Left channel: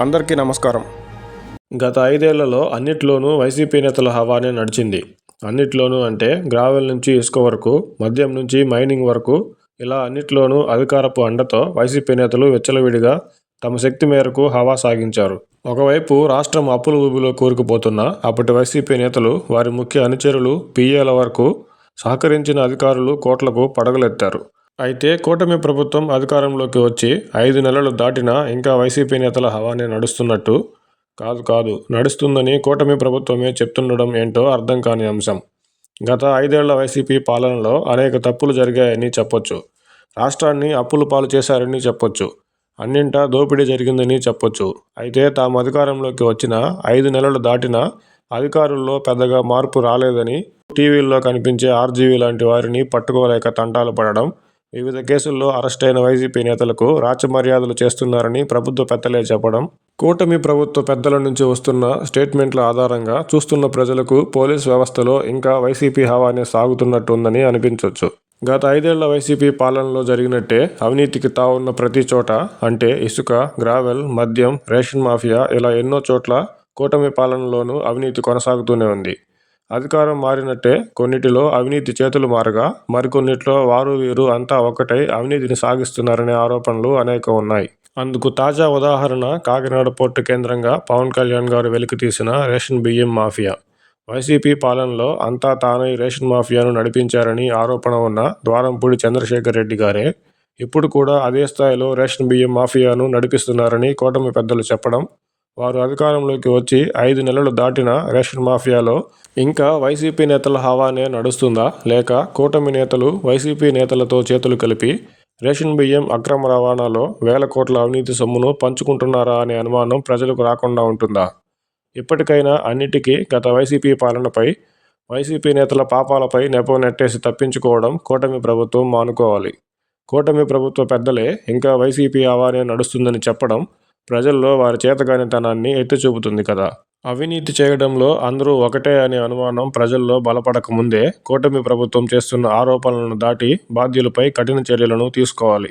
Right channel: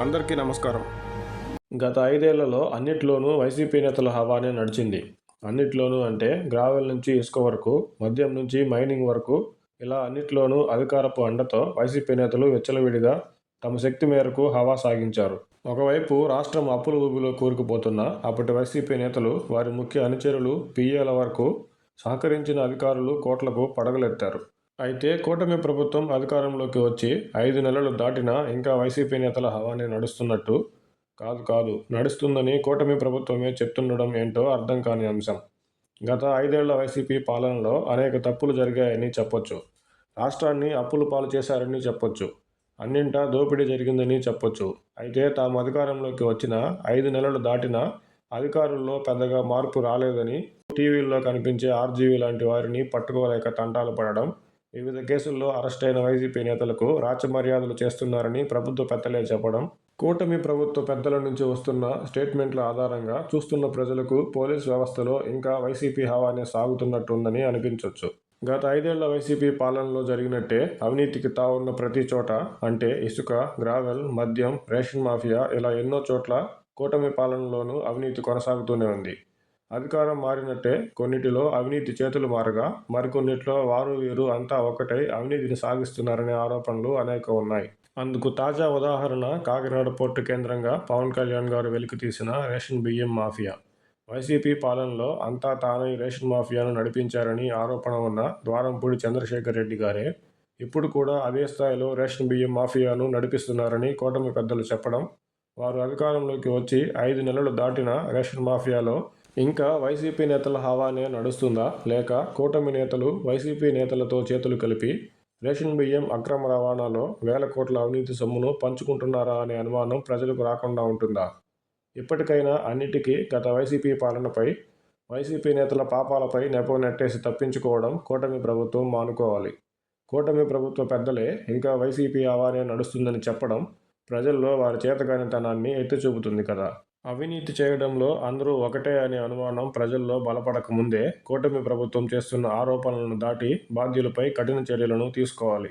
అందరికీ నమస్కారం. గత ఐదేళ్ళలో అన్నిట్లోనూ వైసీపీ నేతల హవానే నడిచింది. అన్నిట్లోనూ అంటే గ్రావెల్ నుంచి ఇసుక వరకు మద్యం నుంచి మైనింగ్ వరకు ఇలా అన్నిట్లోనూ అధికారపు అండతో వైసీపీ నేతలు విచ్చలవిడిగా తమ శక్తి మేరకు హవా సాగించారు. ఒకవైపు రాష్ట్రం అప్పుల ఊబిలో కూరుకుపోతున్న అప్పటి వైసీపీ నేతలు వారి ముఖ్య అనుచరులు పీఏల వరకు సహకరించిన అధికారులు కోట్లకు పడగలెత్తారు. అయితే కూటమి ప్రభుత్వం అధికారంలోకి వచ్చి ఐదు నెలలు దాటినా ఇంకా వైసీపీ నేతల హవానే నడుస్తున్నట్టు కాదు కాదు నడుస్తుందని కూటమి ప్రభుత్వమే చెప్తుండడం ఏంటో అర్థం కాని అంశం. గత ఐదేళ్ళ వైసీపీ పాలనలో అనేక తప్పులు జరిగాయని చెప్పొచ్చు. రాష్ట్రాన్ని అప్పులు పాలు చేశారని చెప్పొచ్చు. అన్నింటా దోపిడీ జరిగిందని చెప్పొచ్చు. అయితే తాము అధికారంలోకి వచ్చిన ఐదు నెలలు దాటినా అధికారుల్లో పెద్దగా మార్పు రాలేదని టీవీల్లో కనిపించే ఆర్జీవీ లాంటి వారిని పట్టుకోలేక తంటాలు పడడం వివిధ కేసుల్లో అరెస్టైన వైసీపీ నేతలకు రాచమర్యాదలు చేస్తున్నారని ప్రభుత్వ పెద్దలే చెప్పడం కూటమి ప్రభుత్వ పెద్దల నుంచి వస్తున్న స్టేట్మెంట్ల ఆధారంగా చూస్తున్న ప్రజలకు పోలీస్ వ్యవస్థలో ఇంకా వైసీపీ హవానే సాగుతున్నట్టుందని అనిపించవచ్చు గత ఐదేళ్ళ వైసీపీ పాలనలో జరిగినట్టే అవినీతికి తావున్న ప్రతి చోట అంటే ఇసుక గ్రావెల్ మద్యం రేషన్ మాఫియా ఇలా ఎన్నో చోట్ల కూటమి పాలనలోనూ అవినీతి కొనసాగుతూనే ఉంది. అధికారం మారినట్టే కొన్నిటిలో అవినీతి చేతులు మారగా మరికొన్నిట్లో వారు వీరు అంతా ఒక్కటై అవినీతిని సాగిస్తున్నారనే ఆరోపణలు అనేక ఉన్నాయి. అందుకు తాజా ఉదాహరణ కాకినాడ పోర్టు కేంద్రంగా పవన్ కళ్యాణ్ గారు వెలికితీసిన రేషన్ బియ్యం మాఫియా. వైసీపీ పాలనలో అంతా తానై రేషన్ మాఫియాను నడిపించారని ఆరోపణ ఉన్న ద్వారంపూడి చంద్రశేఖర్ రెడ్డి గారే ఇప్పుడు కూడా అదే స్థాయిలో రేషన్ బియ్యం మాఫియాను నడిపిస్తున్నారని కూటమి పెద్దలు చెప్పడం వారు అధికారంలోకి వచ్చి ఐదు నెలలు దాటిన రేషన్ మాఫియాలో ఇంకా వైసీపీ నేతల హవానే నడుస్తుందా లేక కూటమి నేతలు వైసీపీ నేతలతో చేతులు కలిపి రేషన్ బియ్యం అక్రమ రవాణాలో వేల కోట్ల అవినీతి సొమ్మును పంచుకుంటున్నారా అనే అనుమానం ప్రజలకు రాకుండా ఉంటుందా? ఇప్పటికైనా అన్నిటికీ గత వైసీపీ పాలనపై వైసీపీ నేతల పాపాలపై నెపం నెట్టేసి తప్పించుకోవడం కూటమి ప్రభుత్వం మానుకోవాలి. కూటమి ప్రభుత్వ పెద్దలే ఇంకా వైసీపీ హవానే నడుస్తుందని చెప్పడం ప్రజల్లో వారి చేతగానితనాన్ని ఎత్తి చూపుతుంది కదా. అవినీతి చేయడంలో అందరూ ఒకటే అనే అనుమానం ప్రజల్లో బలపడక ముందే కూటమి ప్రభుత్వం చేస్తున్న ఆరోపణలను దాటి బాధ్యులపై కఠిన చర్యలను తీసుకోవాలి.